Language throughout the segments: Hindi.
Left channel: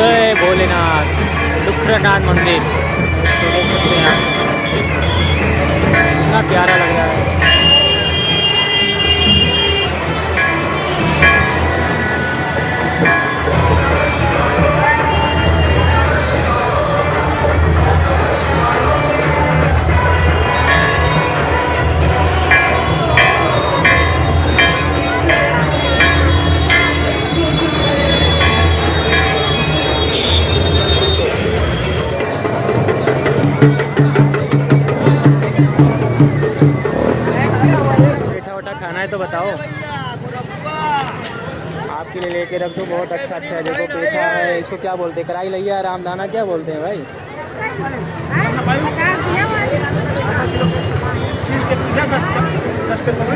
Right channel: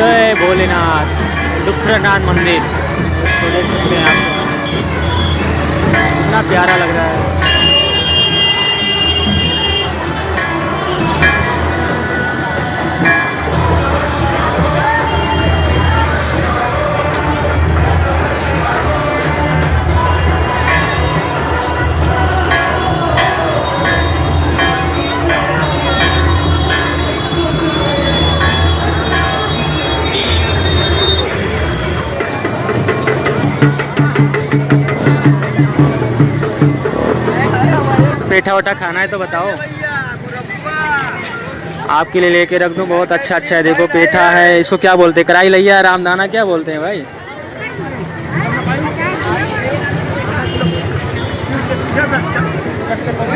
जय भोलेनाथ दुखरनाथ मंदिर। तो देख सकते हैं आप कितना प्यारा लग रहा है। पेठा वठा खाना है तो बताओ, आपके लिए लेके रख दूं। बहुत अच्छा अच्छा है, देखो पेठा है, इसको क्या बोलते हैं, कराई लैया, रामदाना क्या बोलते हैं भाई।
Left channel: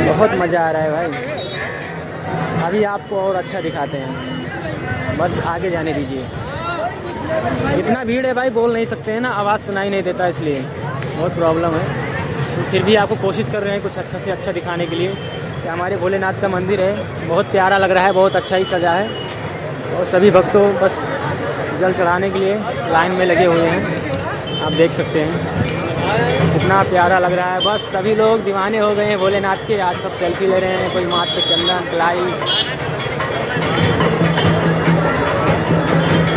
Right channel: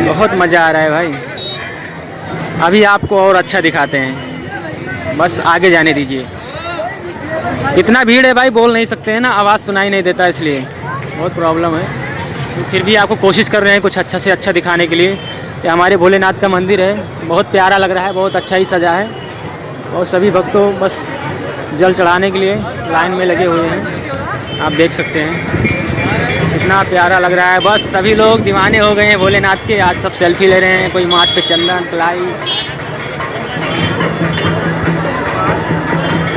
बहुत मज़ा आ रहा है भाई। अभी आपको और अच्छा दिखाते हैं, बस आगे जाने दीजिए। इतना भीड़ है भाई, बोल नहीं सकते हैं ना, आवाज़ सुनाई नहीं देता, इसलिए बहुत प्रॉब्लम है। तो फिर भी आपको कोशिश कर रहे हैं कुछ अच्छा से अच्छा दिखाने के लिए। ये हमारे भोलेनाथ का मंदिर है, बहुत प्यारा लग रहा है, बहुत अच्छा ही सजा है। और सभी भक्तों बस जल चढ़ाने के लिए लाइन में लगे हुए हैं, आप देख सकते हैं कितना प्यारा लग रहा है। बस सभी लोग दीवाने हो गए हैं भोलेनाथ के। आज सब सेल्फी ले रहे हैं, कोई माथ पे चंदन कलाई,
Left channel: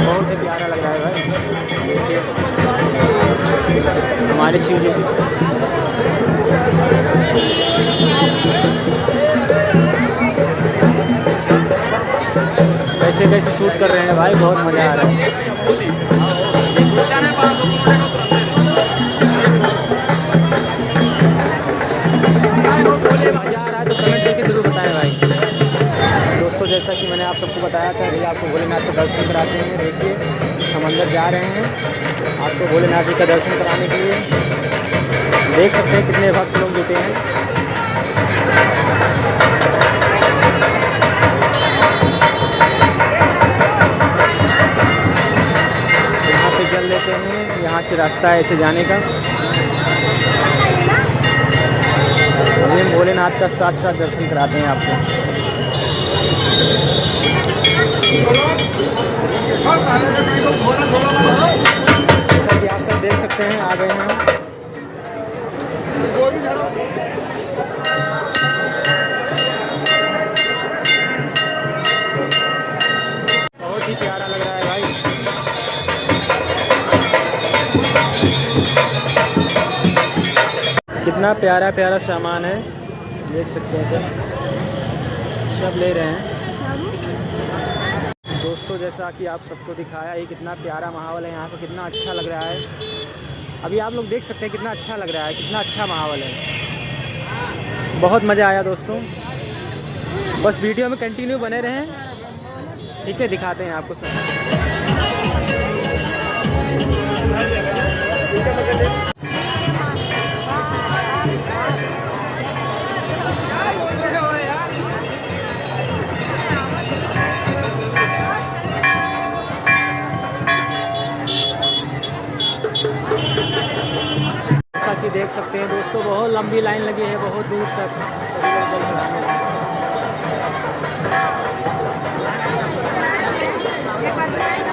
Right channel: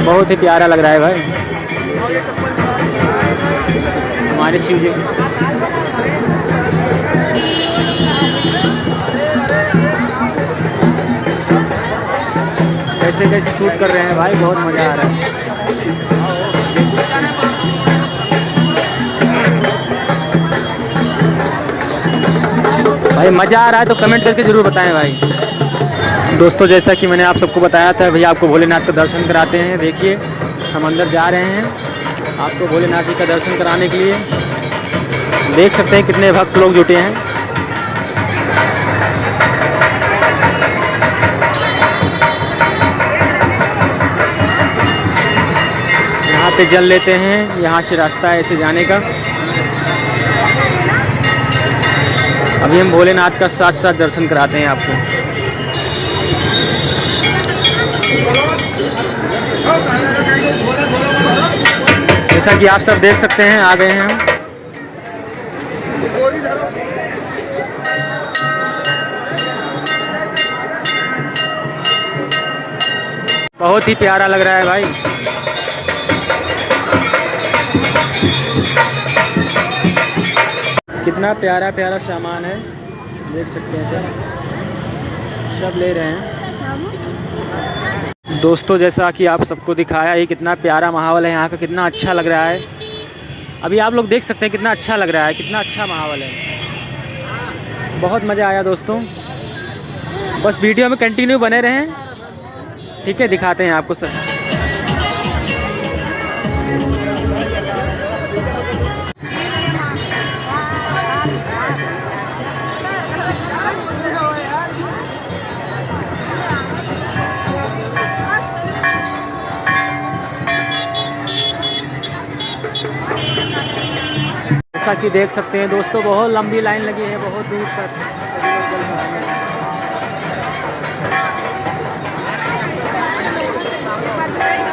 बहुत ही प्यारा लग रहा है भाई। देखिए हमारे शिव जी कैसे कैसे शूट कर रहे हैं भाई, बहुत मज़ा आ रहा है, देख सकते हैं। भाई मज़ा आ रहा है तो कमेंट करके ज़रूर बताएं भाई। दोस्तों जैसा कि मैंने आप सबको बताया था, भैया आपको भोलेनाथ का दर्शन कराते हैं। देखिए हम अंदर जा रहे हैं आपको भोलेनाथ जी का दर्शन कराने के लिए। देख सकते हैं कितने भक्त लोग जुटे हैं। यहाँ पे जल लेते हैं, यहाँ से रास्ता है ऐसे जाने का। अभी हम भोलेनाथ का साथ साथ दर्शन कराते हैं आपको। जैसा कि आप सब देख सकते हैं, आ गए हैं हम। बहुत ही प्यारा लग रहा है भाई। कितना प्यारा प्यारा सामान है, देख सकते हैं सब ले रहे हैं। दोस्तों जैसा कि आप सबको दिखाया, ये कितना प्यारा माहौल है यहाँ का, कितना अच्छा लग रहा है। अभी आप लोग देख सकते हैं कितना अच्छा लग रहा है, कितना अच्छा माहौल है। बहुत मज़ा आया दोस्तों, बस वीडियो में कंटिन्यू बने रहें, ठीक है, दिखाते हैं आपको सब। जैसा कि देख सकते हैं दोस्तों, बहुत लंबी लाइन लगी है, बहुत दूर तक सभी लोग जल चढ़ाने हैं।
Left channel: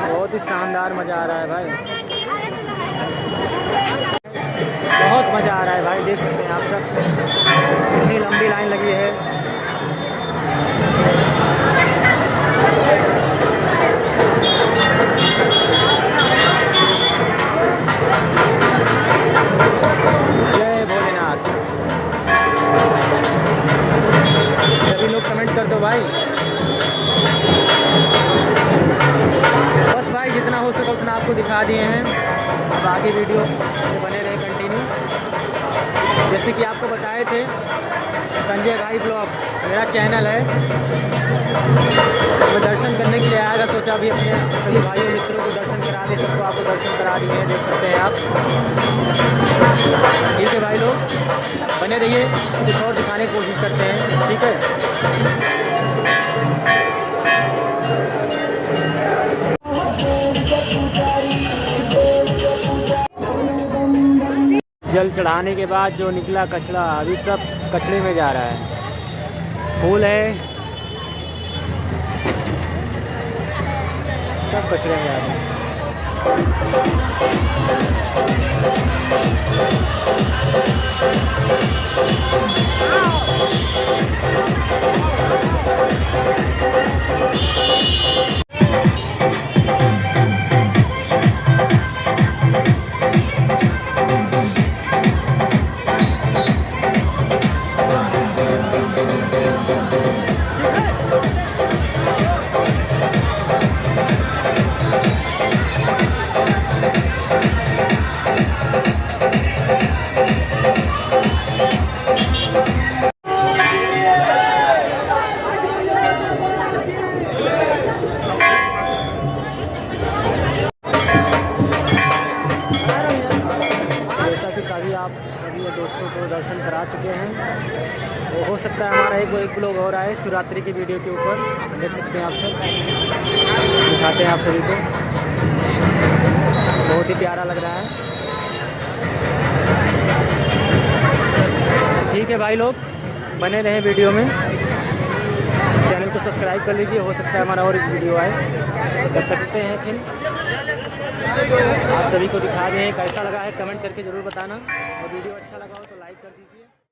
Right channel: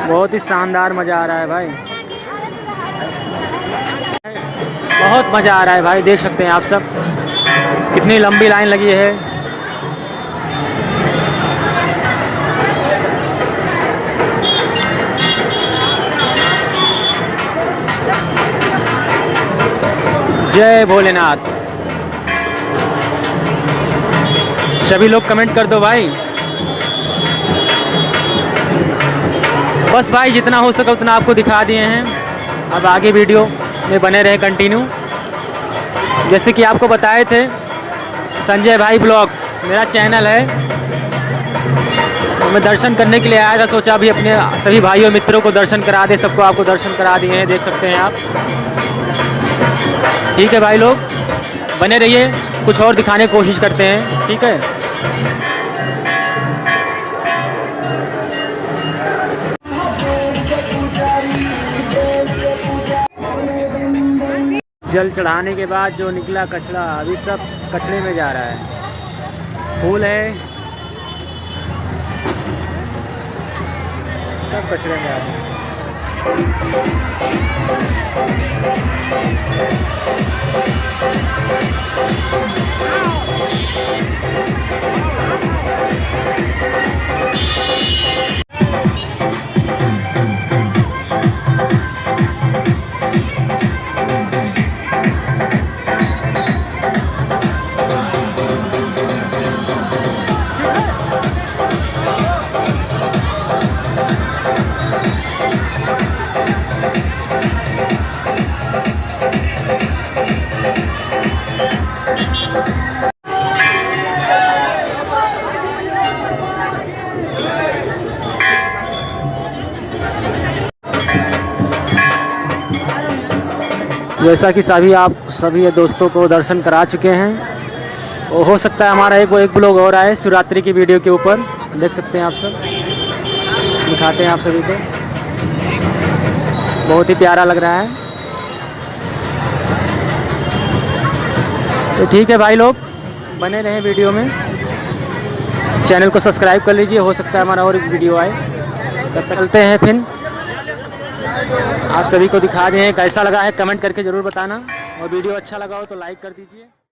बहुत ही शानदार मज़ा आ रहा है भाई, बहुत मज़ा आ रहा है भाई। देख सकते हैं आप सब कितनी लंबी लाइन लगी है। जय भोलेनाथ। सभी लोग कमेंट कर दो भाई। बस भाई जितना हो सके उतना आपको दिखा दिए हैं, अब आगे वीडियो में बने रहे कंटिन्यू। जैसे कि आपको बताए थे, संजय भाई ब्लॉग्स मेरा चैनल है। मैं दर्शन करने के लिए आया था, सोचा अभी अपने सभी भाइयों मित्रों को दर्शन करा दे, सबको आपको दर्शन करा दिए हैं, देख सकते हैं आप। ठीक है भाई लोग बने रहिए, कुछ और दिखाने की कोशिश करते हैं, ठीक है। जल चढ़ाने के बाद जो निकला कचरा, अभी सब कचरे में जा रहा है। फूल है, सब कचरे में आ गए। जैसा कि सभी दोस्तों को दर्शन करा चुके हैं, और हो सकता है हमारा एक ब्लॉग और आए शिवरात्रि की वीडियो के ऊपर, देख सकते हैं आप सब, दिखाते हैं आप सभी को। बहुत ही प्यारा लग रहा है। तो ठीक है भाई लोग, बने रहें वीडियो में, चैनल को सब्सक्राइब कर लीजिए, हो सकता है हमारा और एक वीडियो आए। तब तक मिलते हैं फिर। आप सभी को दिखा रहे हैं, कैसा लगा है कमेंट करके ज़रूर बताना, और वीडियो अच्छा लगा हो तो लाइक कर दीजिए।